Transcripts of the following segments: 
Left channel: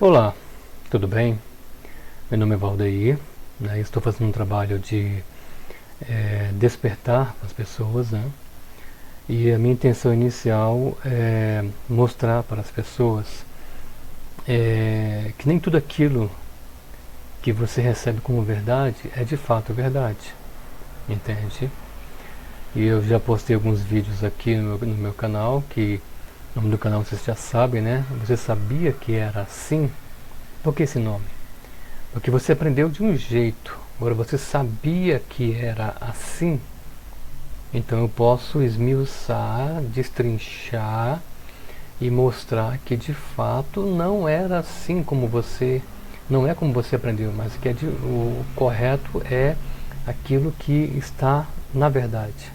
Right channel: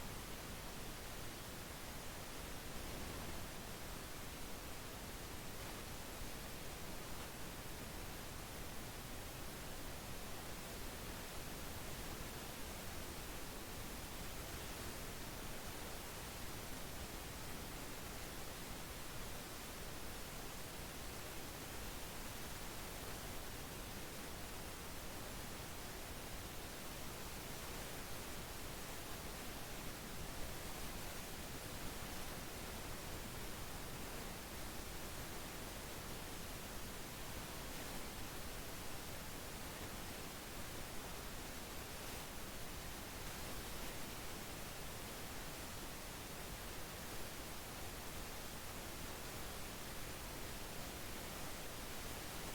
Olá, tudo bem? Meu nome é Valdeir, né? Estou fazendo um trabalho de despertar as pessoas, né? E a minha intenção inicial é mostrar para as pessoas que nem tudo aquilo que você recebe como verdade é de fato verdade, entende? E eu já postei alguns vídeos aqui no meu canal, que o nome do canal vocês já sabem, né? Você sabia que era assim? Por que esse nome? Porque você aprendeu de um jeito, agora você sabia que era assim, então eu posso esmiuçar, destrinchar e mostrar que de fato não era assim como você, não é como você aprendeu, mas que o correto é aquilo que está na verdade.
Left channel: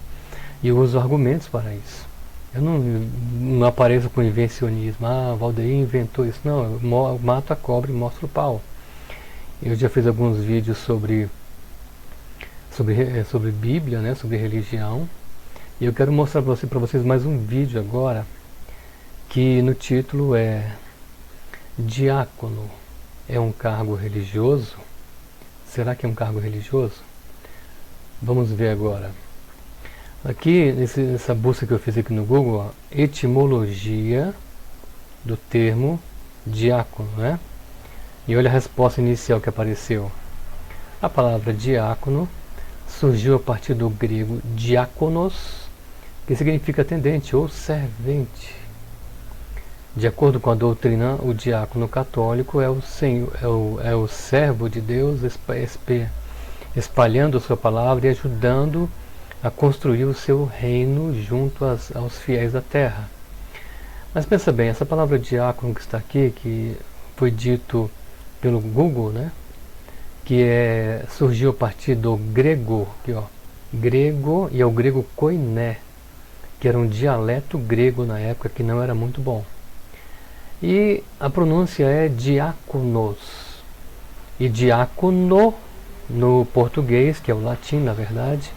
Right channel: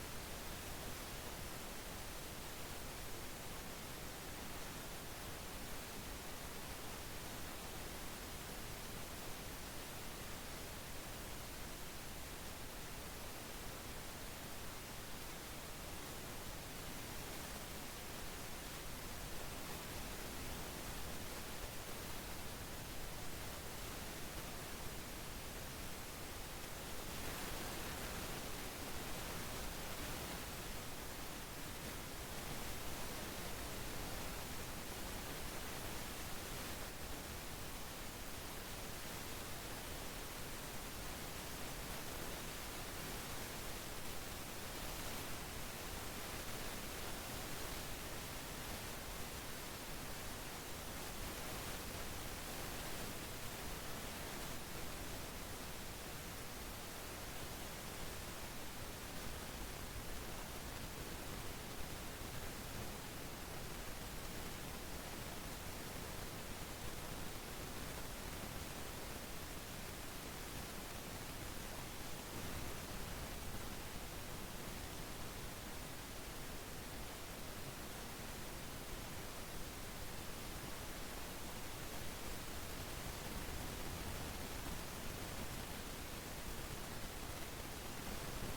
E eu uso argumentos para isso. Eu não apareço com invencionismo, Valdeir inventou isso. Não, eu mato a cobra e mostro o pau. Eu já fiz alguns vídeos sobre Bíblia, né, sobre religião. E eu quero mostrar para vocês mais um vídeo agora, que no título é Diácono é um cargo religioso? Será que é um cargo religioso? Vamos ver agora. Aqui, nessa busca que eu fiz aqui no Google, ó, etimologia do termo diácono, né? E olha a resposta inicial que apareceu. A palavra diácono surgiu a partir do grego diákonos, que significa atendente ou servente. De acordo com a doutrina, o diácono católico é o servo de Deus espalhando a sua palavra e ajudando a construir o seu reino junto aos fiéis da terra. Mas pensa bem, essa palavra diácono que está aqui, que foi dito pelo Google, né? Surgiu a partir do grego, aqui, ó, grego, e é o grego koiné, que era um dialeto grego na época que não era muito bom. E a pronúncia é diáconos. E diácono, no português, que é o latim na verdade,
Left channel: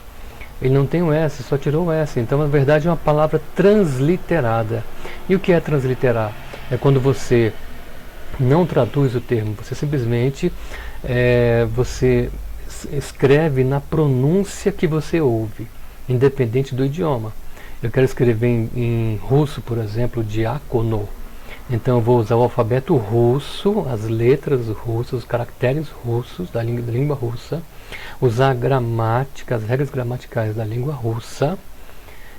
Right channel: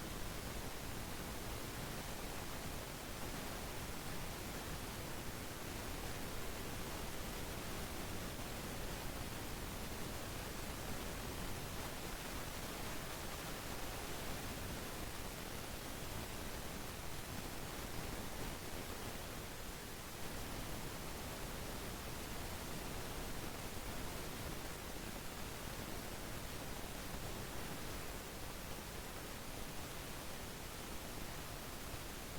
ele não tem o S, só tirou o S. Então na verdade é uma palavra transliterada. E o que é transliterar? É quando você não traduz o termo, você simplesmente você escreve na pronúncia que você ouve, independente do idioma. Eu quero escrever em russo, por exemplo, diácono. Então eu vou usar o alfabeto russo, as letras russas, os caracteres russos da língua russa, usar a gramática, as regras gramaticais da língua russa,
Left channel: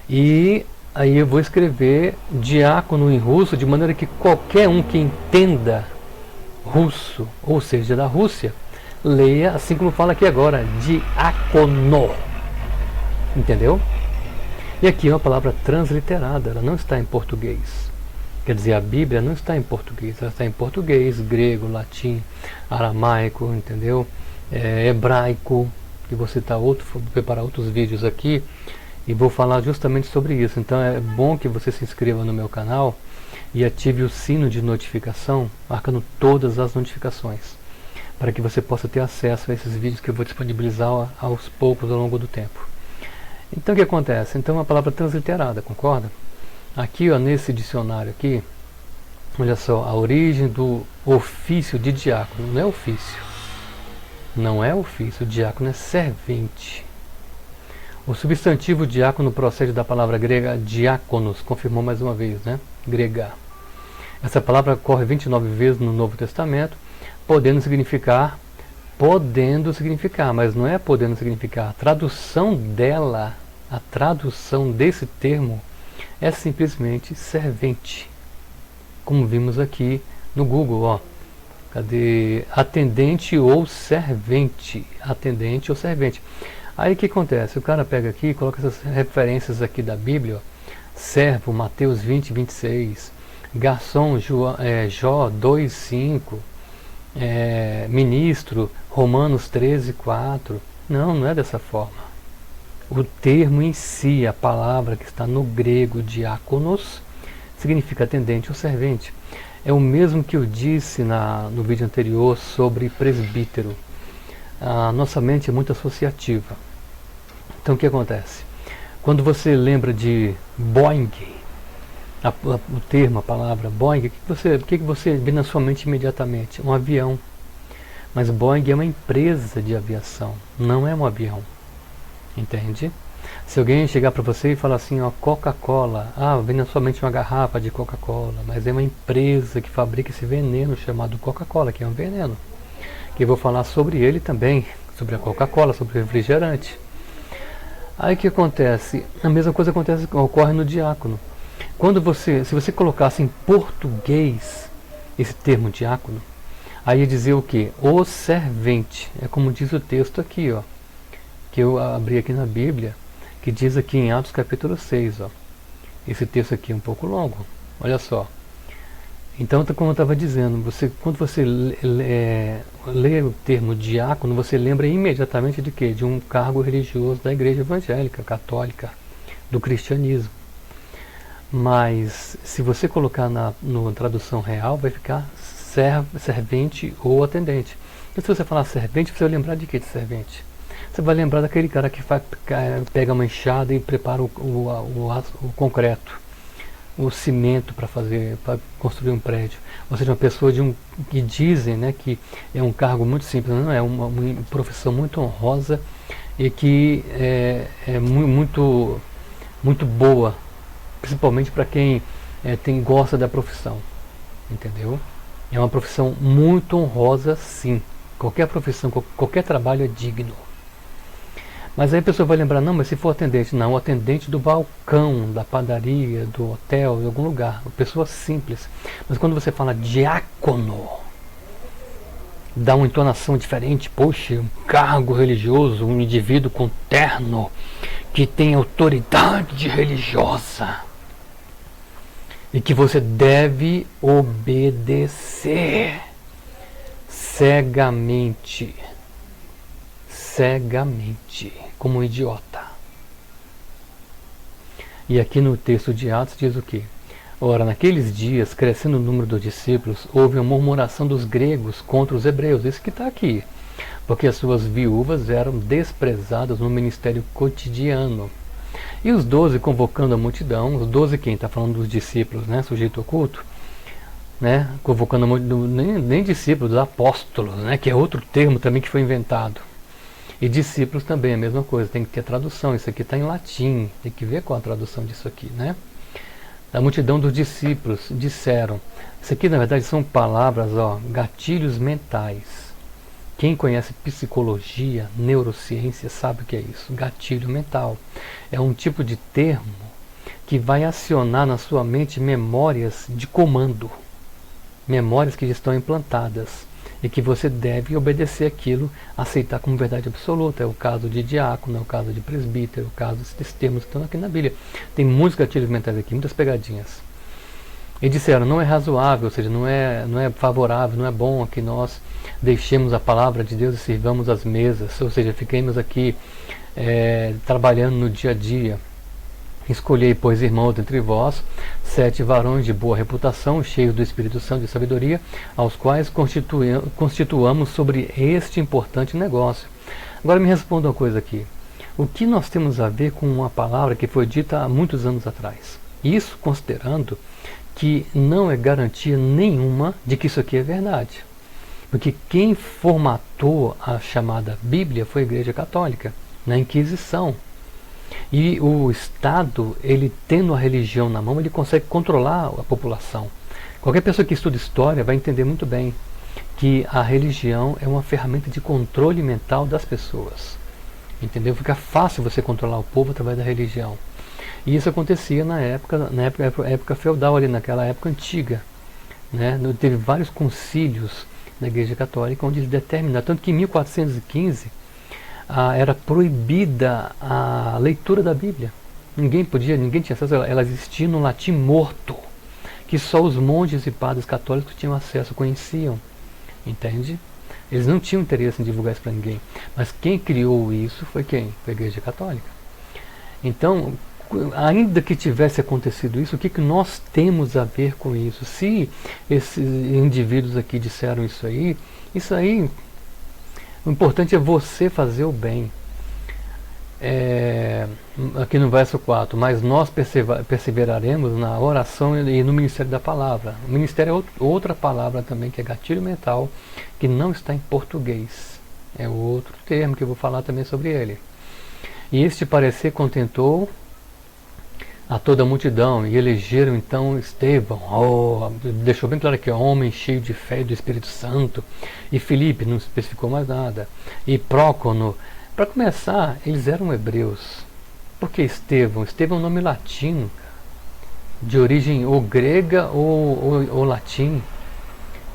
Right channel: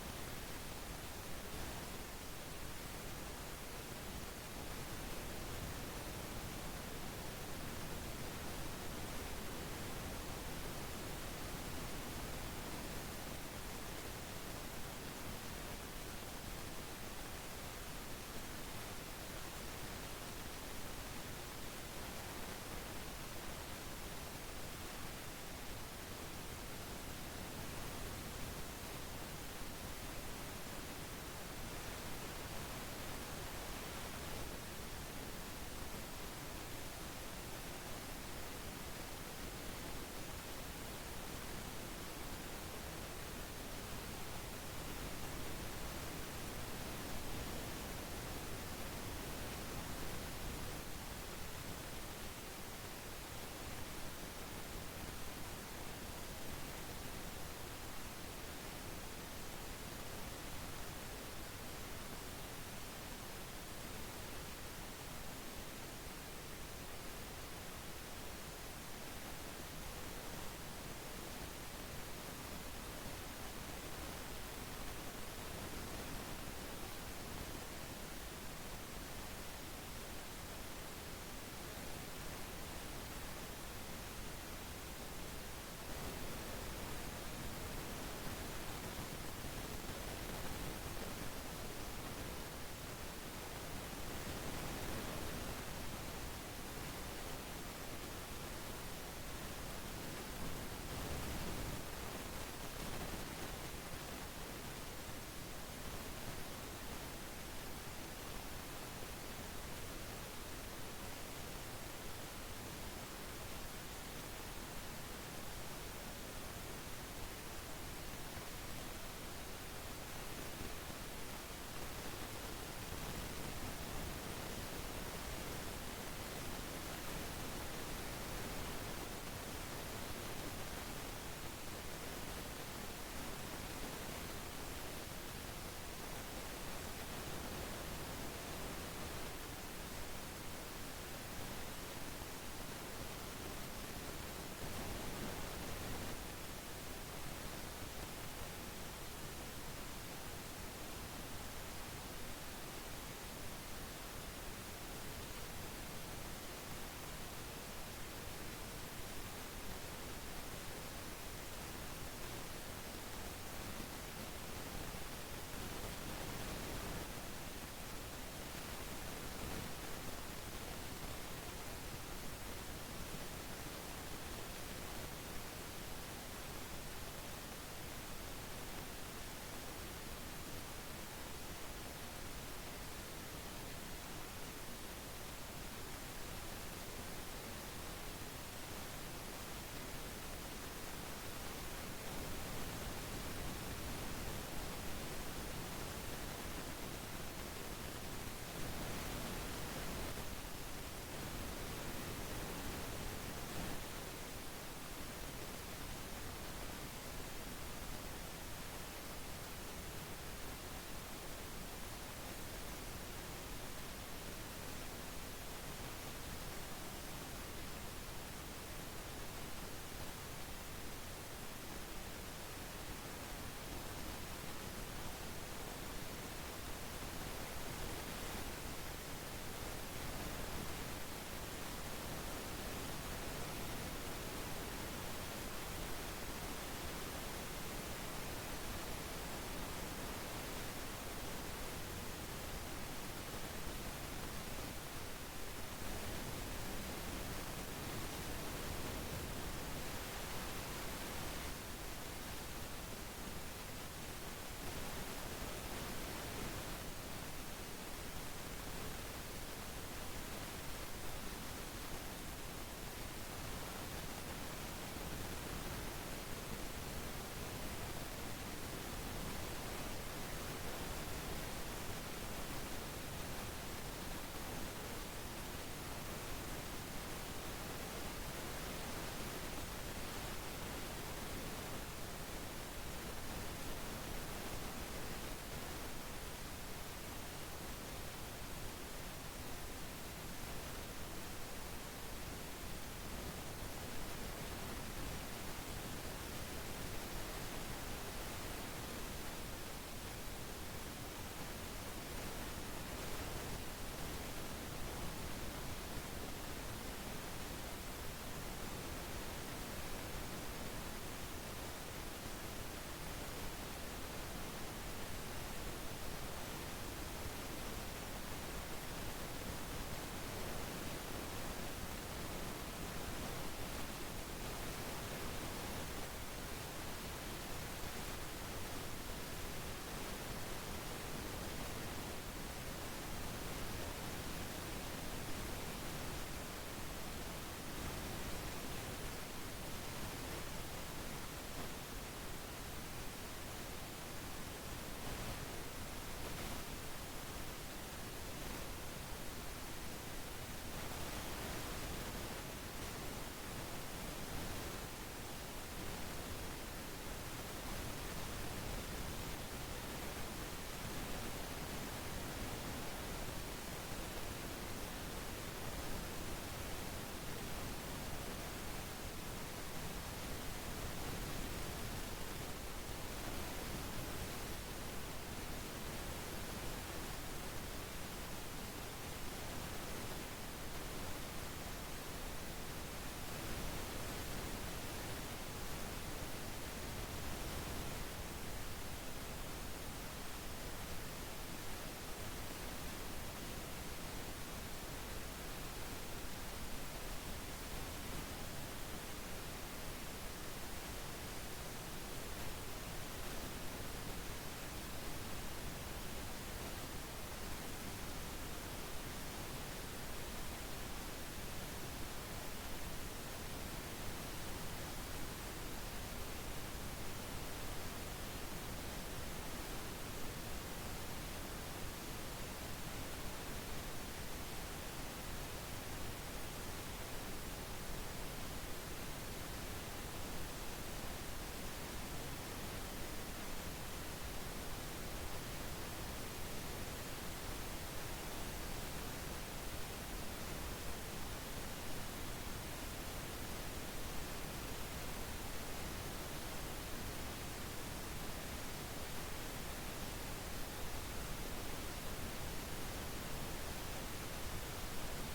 e aí eu vou escrever diácono em russo de maneira que qualquer um que entenda russo, ou seja, da Rússia, leia assim como fala aqui agora, diácono. Entendeu? E aqui é uma palavra transliterada, ela não está em português. Quer dizer, a Bíblia não está em português, ela está em português, grego, latim, aramaico, entendeu? Hebraico, e vou preparar outros vídeos aqui e vou falar justamente sobre isso. Então é bom que você se inscreva no meu canal e ative o sino de notificação, marcando todas as notificações, para que você possa ter acesso a esses vídeos que eu vou disponibilizar aos poucos ao longo do tempo. Então o que acontece? Então é uma palavra transliterada, concorda? Aqui, ó, nesse dicionário aqui, olha só, a origem do ofício de diácono, não é ofício. Não é ofício, o diácono é servente. O substantivo diácono procede da palavra grega diáconos, confirmou mais uma vez, né? Grega. Essa palavra ocorre 29 vezes no Novo Testamento, podendo significar, mas não é podendo significar. A tradução dela, a tradução desse termo é simplesmente servente. Como vimos aqui no Google, ó. Cadê? Atendente ou servente. Atendente ou servente. Aí o que acontece? O cara pega aqui e coloca essas referências aqui da Bíblia, ó. Servo, Mateus 20, 26. Garçom, Jó 2, 5. Ministro, Romanos 13, 4. Não é dessa forma. O termo em si, a palavra que está no grego diáconos, significa atendente ou servente. É o mesmo que eu disse no vídeo anterior sobre presbítero. A nossa mente é muito associativa. Então o que acontece? Quando você lembra de Boeing, o termo, a palavra Boeing, o que você vê na sua mente imediatamente? Um avião. Mas Boeing é uma empresa de aviação, não é um avião. Entende? Se alguém chegar para você e falar assim, ó, Coca-Cola, vem na sua mente uma garrafa de Coca-Cola, mas é uma empresa que fabrica esse veneno chamado Coca-Cola, que é um veneno. Que eu vou falar sobre ele também, sobre a Coca-Cola, sobre o refrigerante. Aí o que acontece? A mesma coisa ocorre no diácono. Se você colocasse em português esse termo diácono, aí ia dizer o que? O servente. É como diz o texto aqui, ó, que eu abri aqui na Bíblia, que diz aqui em Atos capítulo 6, ó. Esse texto aqui é um pouco longo, olha só. Então, como eu estava dizendo, quando você lê o termo diácono, você lembra imediatamente de quê? De um cargo religioso da igreja evangélica, católica, do cristianismo. Mas, se você colocar na tradução real, vai ficar servente ou atendente. E se você falar servente, você vai lembrar de que de servente? Você vai lembrar daquele cara que pega uma enxada e prepara o concreto, o cimento para construir um prédio. Ou seja, uma pessoa que dizem, né, que é um cargo muito simples, não é uma profissão muito honrosa e que é muito, muito boa, principalmente para quem gosta da profissão, entendeu? É uma profissão muito honrosa, sim. Qualquer profissão, qualquer trabalho é digno. Mas aí a pessoa vai lembrar, não, mas se for atendente, não, o atendente do balcão, da padaria, do hotel, de algum lugar, uma pessoa simples. Mas quando você fala diácono, dá uma entonação diferente, poxa, um cargo religioso, um indivíduo com terno, que tem autoridade religiosa, e que você deve obedecer cegamente, como um idiota. E aqui no texto de Atos diz o quê? Ora, naqueles dias, crescendo o número dos discípulos, houve uma murmuração dos gregos contra os hebreus. Isso que está aqui. Porque as suas viúvas eram desprezadas no ministério cotidiano. E os 12, convocando a multidão, os 12 quem? Está falando dos discípulos, né? Sujeito oculto. Né? Convocando a multidão, nem discípulos, apóstolos, né? Que é outro termo também que foi inventado. E discípulos também é a mesma coisa, tem que ter tradução. Isso aqui está em latim, tem que ver qual a tradução disso aqui, né? A multidão dos discípulos disseram. Isso aqui na verdade são palavras, ó, gatilhos mentais. Quem conhece psicologia, neurociência, sabe o que é isso. Gatilho mental. É um tipo de termo que vai acionar na sua mente memórias de comando. Memórias que já estão implantadas. E que você deve obedecer aquilo, aceitar como verdade absoluta. É o caso de diácono, é o caso de presbítero, é o caso desses termos que estão aqui na Bíblia. Tem muitos gatilhos mentais aqui, muitas pegadinhas. E disseram, não é razoável, ou seja, não é favorável, não é bom que nós deixemos a palavra de Deus e sirvamos as mesas, ou seja, fiquemos aqui trabalhando no dia a dia. Escolhei, pois, irmãos, entre vós, 7 varões de boa reputação, cheios do Espírito Santo e de sabedoria, aos quais constituamos sobre este importante negócio. Agora me responda uma coisa aqui. O que nós temos a ver com uma palavra que foi dita há muitos anos atrás? Isso considerando que não é garantia nenhuma de que isso aqui é verdade. Porque quem formatou a chamada Bíblia foi a Igreja Católica, na Inquisição. E o Estado, ele tendo a religião na mão, ele consegue controlar a população. Qualquer pessoa que estuda história vai entender muito bem que a religião é uma ferramenta de controle mental das pessoas. Entendeu? Fica fácil você controlar o povo através da religião. E isso acontecia na época feudal, ali naquela época antiga. Né? Teve vários concílios da Igreja Católica onde eles determinaram, tanto que em 1415 era proibida a leitura da Bíblia. Ninguém tinha acesso, ela existia no latim morto, que só os monges e padres católicos tinham acesso, conheciam. Entende? Eles não tinham interesse em divulgar isso para ninguém. Mas quem criou isso foi quem? Foi a Igreja Católica. Então, ainda que tivesse acontecido isso, o que nós temos a ver com isso? Se esses indivíduos aqui disseram isso aí, o importante é você fazer o bem. aqui no verso 4, mas nós perseveraremos na oração e no ministério da palavra. O ministério é outra palavra também, que é gatilho mental, que não está em português. É outro termo que eu vou falar também sobre ele. E este parecer contentou a toda a multidão, e elegeram então Estevão, deixou bem claro que é homem cheio de fé e do Espírito Santo, e Filipe, não especificou mais nada, e Prócono. Para começar, eles eram hebreus. Por que Estevão? Estevão é um nome latino, de origem ou grega ou latim,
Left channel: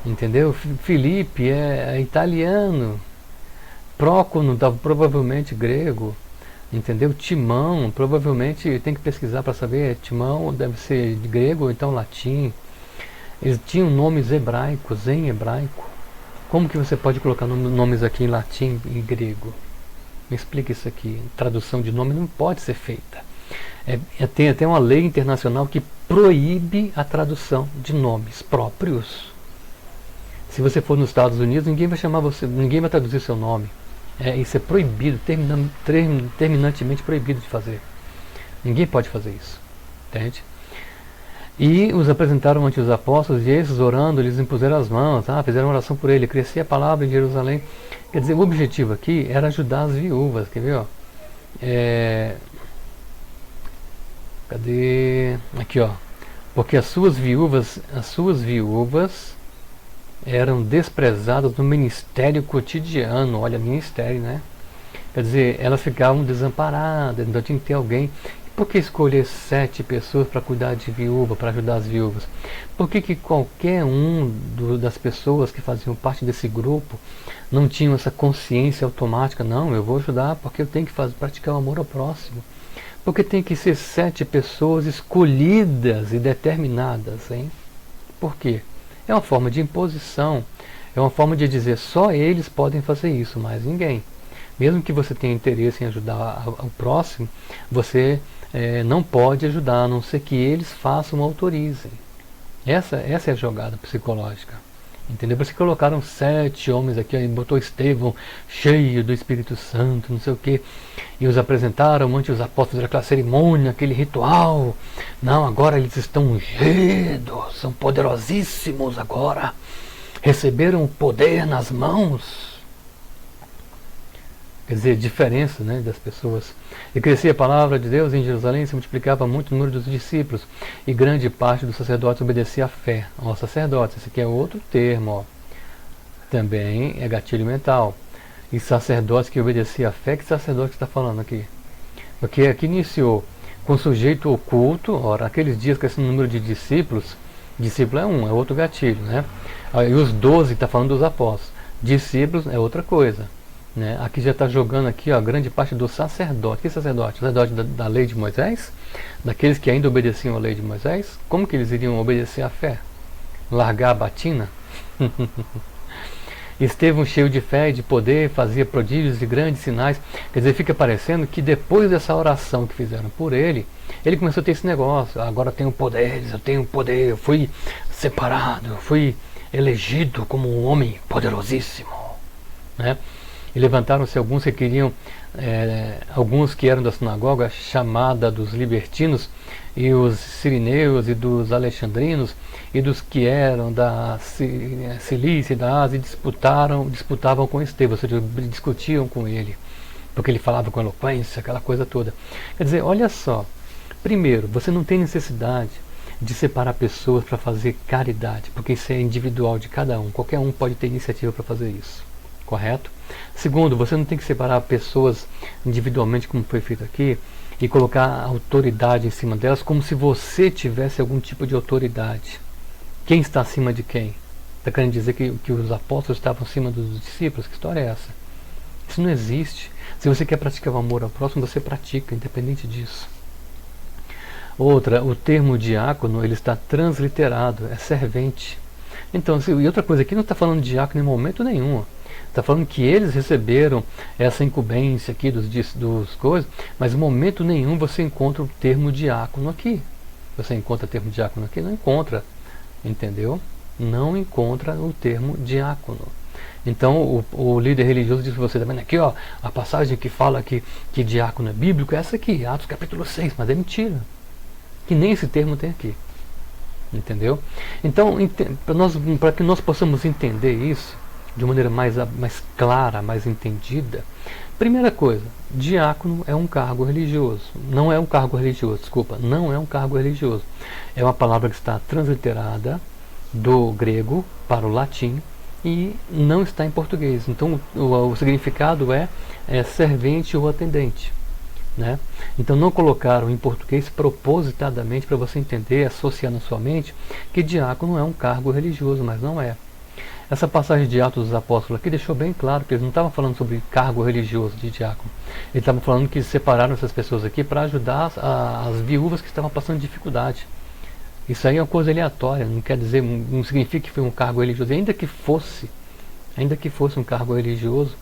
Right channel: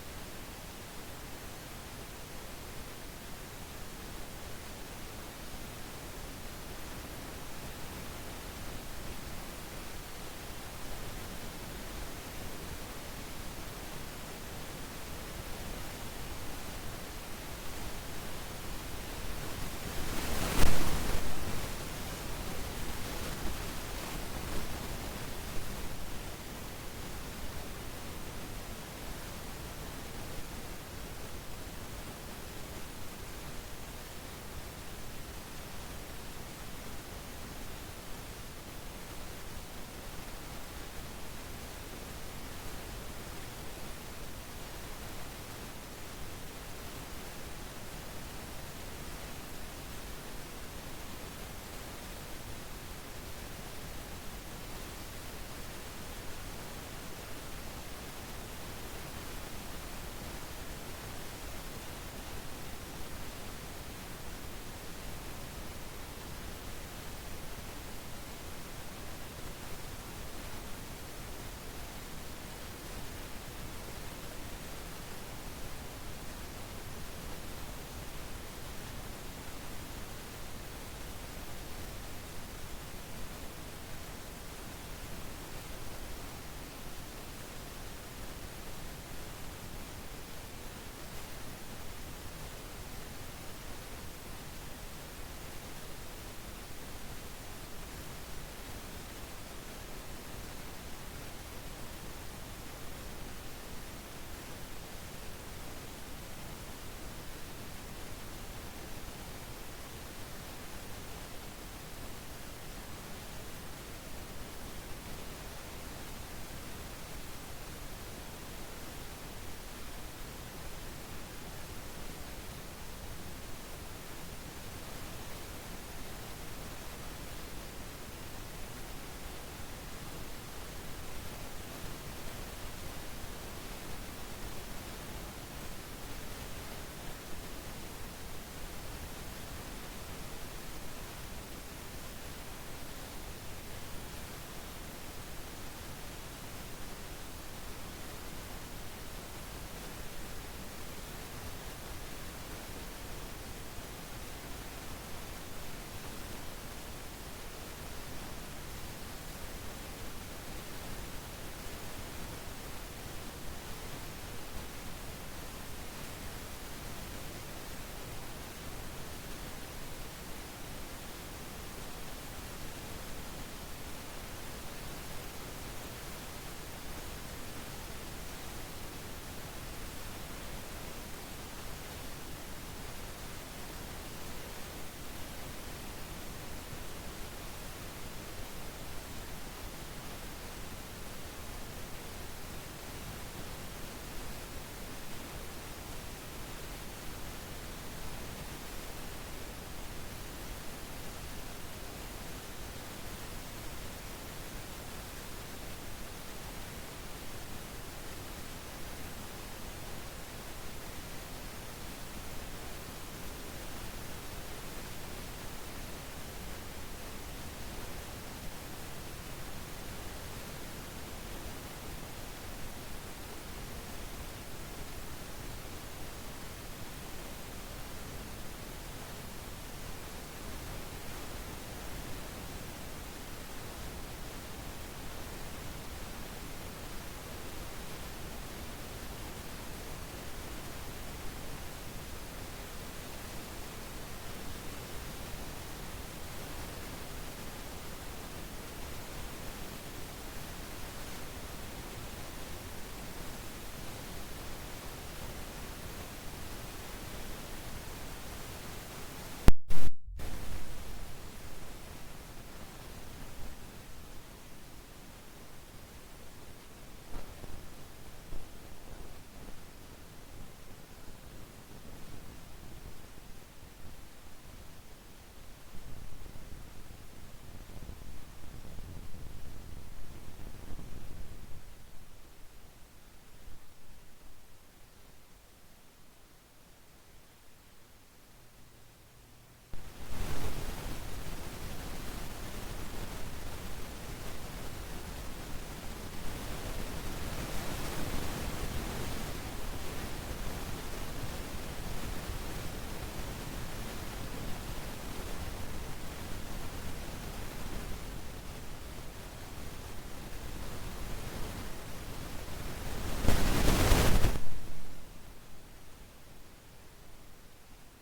entendeu? Filipe é italiano, Prócono provavelmente grego, entendeu? Timão, provavelmente tem que pesquisar para saber, Timão deve ser de grego ou então latim. Eles tinham nomes hebraicos, em hebraico. Como que você pode colocar nomes aqui em latim e grego? Me explica isso aqui. Tradução de nome não pode ser feita. Tem até uma lei internacional que proíbe a tradução de nomes próprios. Se você for nos Estados Unidos, ninguém vai chamar você, ninguém vai traduzir seu nome. Isso é proibido, terminantemente proibido de fazer. Ninguém pode fazer isso. Entende? E os apresentaram ante os apóstolos, e esses, orando, eles impuseram as mãos, fizeram oração por ele, crescia a palavra em Jerusalém. Quer dizer, o objetivo aqui era ajudar as viúvas, quer ver? Cadê? Aqui, ó. Porque as suas viúvas eram desprezadas no ministério cotidiano. Olha, ministério, né? Quer dizer, elas ficavam desamparadas, então tinha que ter alguém. Por que escolher 7 pessoas para cuidar de viúva, para ajudar as viúvas? Por que qualquer das pessoas que faziam parte desse grupo não tinham essa consciência automática? Não, eu vou ajudar porque eu tenho que praticar o amor ao próximo. Porque tem que ser 7 pessoas escolhidas e determinadas, hein? Por quê? É uma forma de imposição, é uma forma de dizer só eles podem fazer isso, mais ninguém. Mesmo que você tenha interesse em ajudar o próximo, você não pode ajudar, a não ser que eles façam ou autorizem. Essa é a jogada psicológica. Entendeu? Por isso que colocaram 7 homens aqui, aí botou Estevão cheio do Espírito Santo, não sei o quê, e os apresentaram ante os apóstolos daquela cerimônia, aquele ritual. Não, agora eles estão ungidos, são poderosíssimos agora, receberam o poder nas mãos. Quer dizer, diferença, né, das pessoas. E crescia a palavra de Deus em Jerusalém, se multiplicava muito o número dos discípulos, e grande parte dos sacerdotes obedecia à fé. Ó, sacerdotes, esse aqui é outro termo, ó. Também é gatilho mental. E sacerdotes que obedeciam à fé, que sacerdote está falando aqui? Porque aqui iniciou com sujeito oculto, ora, aqueles dias com esse número de discípulos é outro gatilho, né? E os 12 está falando dos apóstolos. Discípulos é outra coisa. Né? Aqui já está jogando aqui, ó, grande parte dos sacerdotes. Que sacerdote? Sacerdote da lei de Moisés? Daqueles que ainda obedeciam à lei de Moisés? Como que eles iriam obedecer à fé? Largar a batina? Estevão, cheio de fé e de poder, fazia prodígios e grandes sinais. Quer dizer, fica parecendo que depois dessa oração que fizeram por ele, ele começou a ter esse negócio. Agora eu tenho poder, eu fui separado, eu fui elegido como um homem poderosíssimo, né? E levantaram-se alguns que queriam, alguns que eram da sinagoga chamada dos libertinos, e os sirineus e dos alexandrinos, e dos que eram da Cilícia e da Ásia, disputavam com Estevão, ou seja, discutiam com ele, porque ele falava com eloquência, aquela coisa toda. Quer dizer, olha só, primeiro, você não tem necessidade de separar pessoas para fazer caridade, porque isso é individual de cada um, qualquer um pode ter iniciativa para fazer isso, correto? Segundo, você não tem que separar pessoas individualmente, como foi feito aqui, e colocar autoridade em cima delas, como se você tivesse algum tipo de autoridade. Quem está acima de quem? Está querendo dizer que os apóstolos estavam acima dos discípulos? Que história é essa? Isso não existe. Se você quer praticar o amor ao próximo, você pratica, independente disso. Outra, o termo diácono, ele está transliterado, é servente. Então, e outra coisa, aqui não está falando de diácono em momento nenhum. Está falando que eles receberam essa incumbência aqui dos coisas, mas em momento nenhum você encontra o termo diácono aqui. Você encontra o termo diácono aqui? Não encontra. Entendeu? Não encontra o termo diácono. Então o líder religioso diz para você, tá vendo aqui, ó, a passagem que fala que diácono é bíblico é essa aqui, Atos capítulo 6, mas é mentira. Que nem esse termo tem aqui. Entendeu? Então, para que nós possamos entender isso de maneira mais clara, mais entendida, primeira coisa, diácono é um cargo religioso. Não é um cargo religioso, desculpa, não é um cargo religioso. É uma palavra que está transliterada do grego para o latim e não está em português. Então, o significado é servente ou atendente. Né? Então não colocaram em português propositadamente para você entender, associar na sua mente que diácono é um cargo religioso, mas não é. Essa passagem de Atos dos Apóstolos aqui deixou bem claro que eles não estavam falando sobre cargo religioso de diácono. Eles estavam falando que separaram essas pessoas aqui para ajudar as viúvas que estavam passando dificuldade. Isso aí é uma coisa aleatória, não quer dizer, não significa que foi um cargo religioso, ainda que fosse um cargo religioso,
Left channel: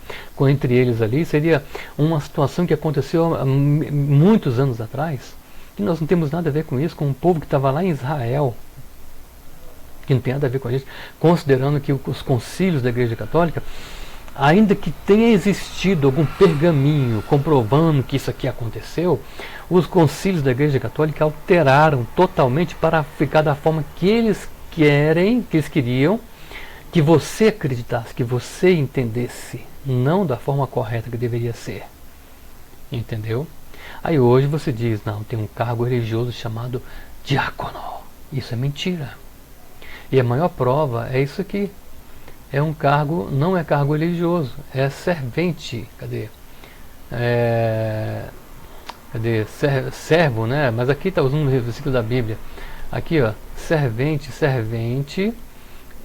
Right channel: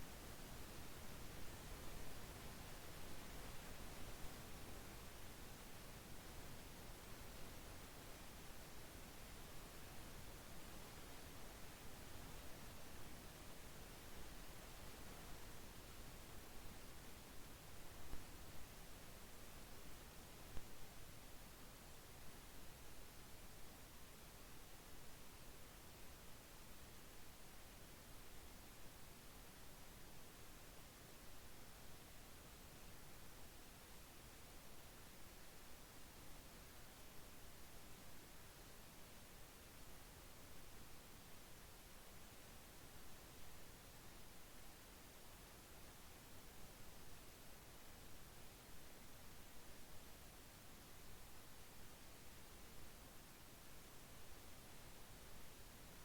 entre eles ali, seria uma situação que aconteceu há muitos anos atrás, que nós não temos nada a ver com isso, com um povo que estava lá em Israel, que não tem nada a ver com a gente, considerando que os concílios da Igreja Católica, ainda que tenha existido algum pergaminho comprovando que isso aqui aconteceu, os concílios da Igreja Católica alteraram totalmente para ficar da forma que eles queriam, que você acreditasse, que você entendesse, não da forma correta que deveria ser. Entendeu? Aí hoje você diz, não, tem um cargo religioso chamado diácono. Isso é mentira. E a maior prova é isso aqui. É um cargo, não é cargo religioso, é servente. Cadê? Servo, né? Mas aqui está usando o versículo da Bíblia. Aqui, ó, servente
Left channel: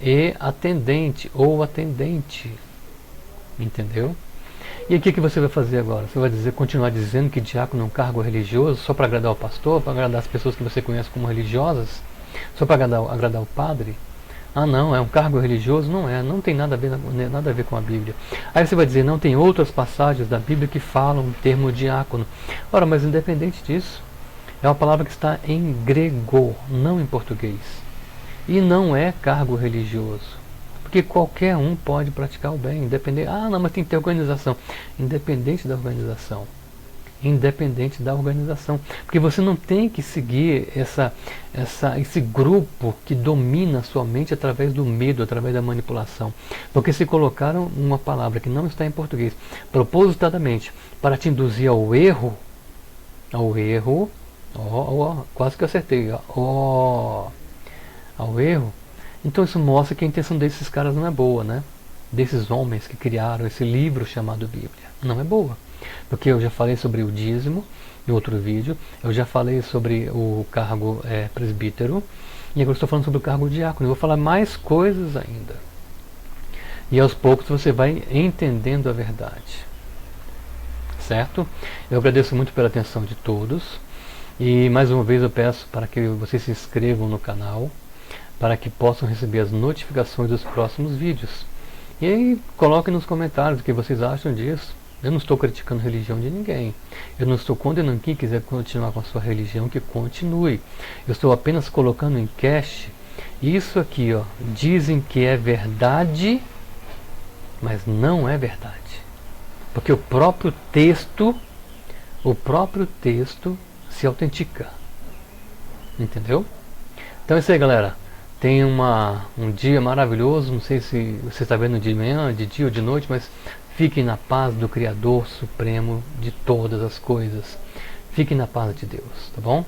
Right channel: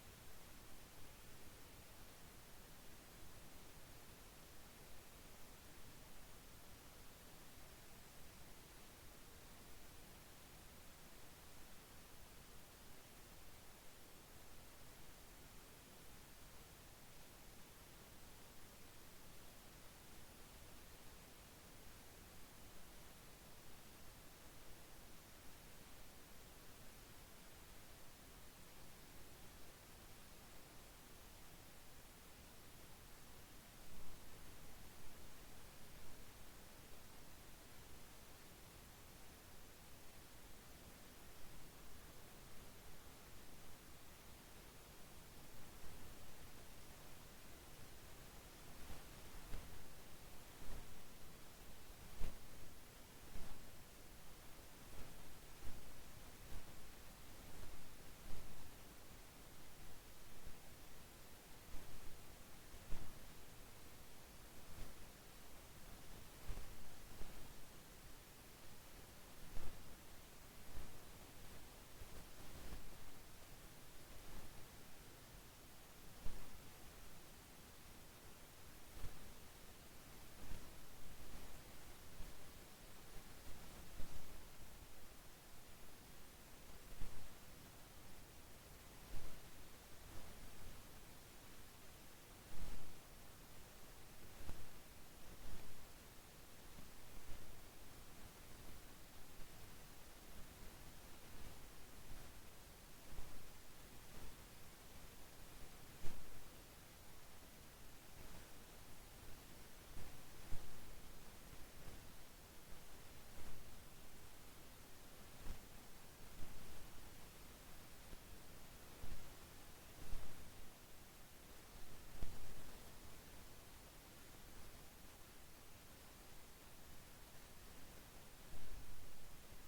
e atendente ou atendente. Entendeu? E o que você vai fazer agora? Você vai continuar dizendo que diácono é um cargo religioso só para agradar o pastor, para agradar as pessoas que você conhece como religiosas? Só para agradar o padre? Ah, não, é um cargo religioso? Não é, não tem nada a ver com a Bíblia. Aí você vai dizer, não, tem outras passagens da Bíblia que falam o termo diácono. Ora, mas independente disso, é uma palavra que está em grego, não em português. E não é cargo religioso. Porque qualquer um pode praticar o bem, independente. Ah, não, mas tem que ter organização. Independente da organização. Independente da organização. Porque você não tem que seguir esse grupo que domina a sua mente através do medo, através da manipulação. Porque se colocaram uma palavra que não está em português, propositadamente, para te induzir ao erro, quase que eu acertei, ao erro, então isso mostra que a intenção desses caras não é boa, né? Desses homens que criaram esse livro chamado Bíblia. Não é boa. Porque eu já falei sobre o dízimo em outro vídeo, eu já falei sobre o cargo presbítero, e agora estou falando sobre o cargo diácono. Eu vou falar mais coisas ainda. E aos poucos você vai entendendo a verdade. Certo? Eu agradeço muito pela atenção de todos. E mais uma vez eu peço para que vocês se inscrevam no canal, para que possam receber as notificações dos próximos vídeos. E aí coloquem nos comentários o que vocês acham disso. Eu não estou criticando a religião de ninguém. Eu não estou condenando quem quiser continuar com a sua religião, que continue. Eu estou apenas colocando em cache isso aqui, ó. Dizem que é verdade, mas não é verdade. Porque o próprio texto se autentica. Entendeu? Então é isso aí, galera. Tenha um dia maravilhoso. Não sei se você está vendo de manhã, de dia ou de noite, mas fiquem na paz do Criador Supremo de todas as coisas. Fiquem na paz de Deus, tá bom?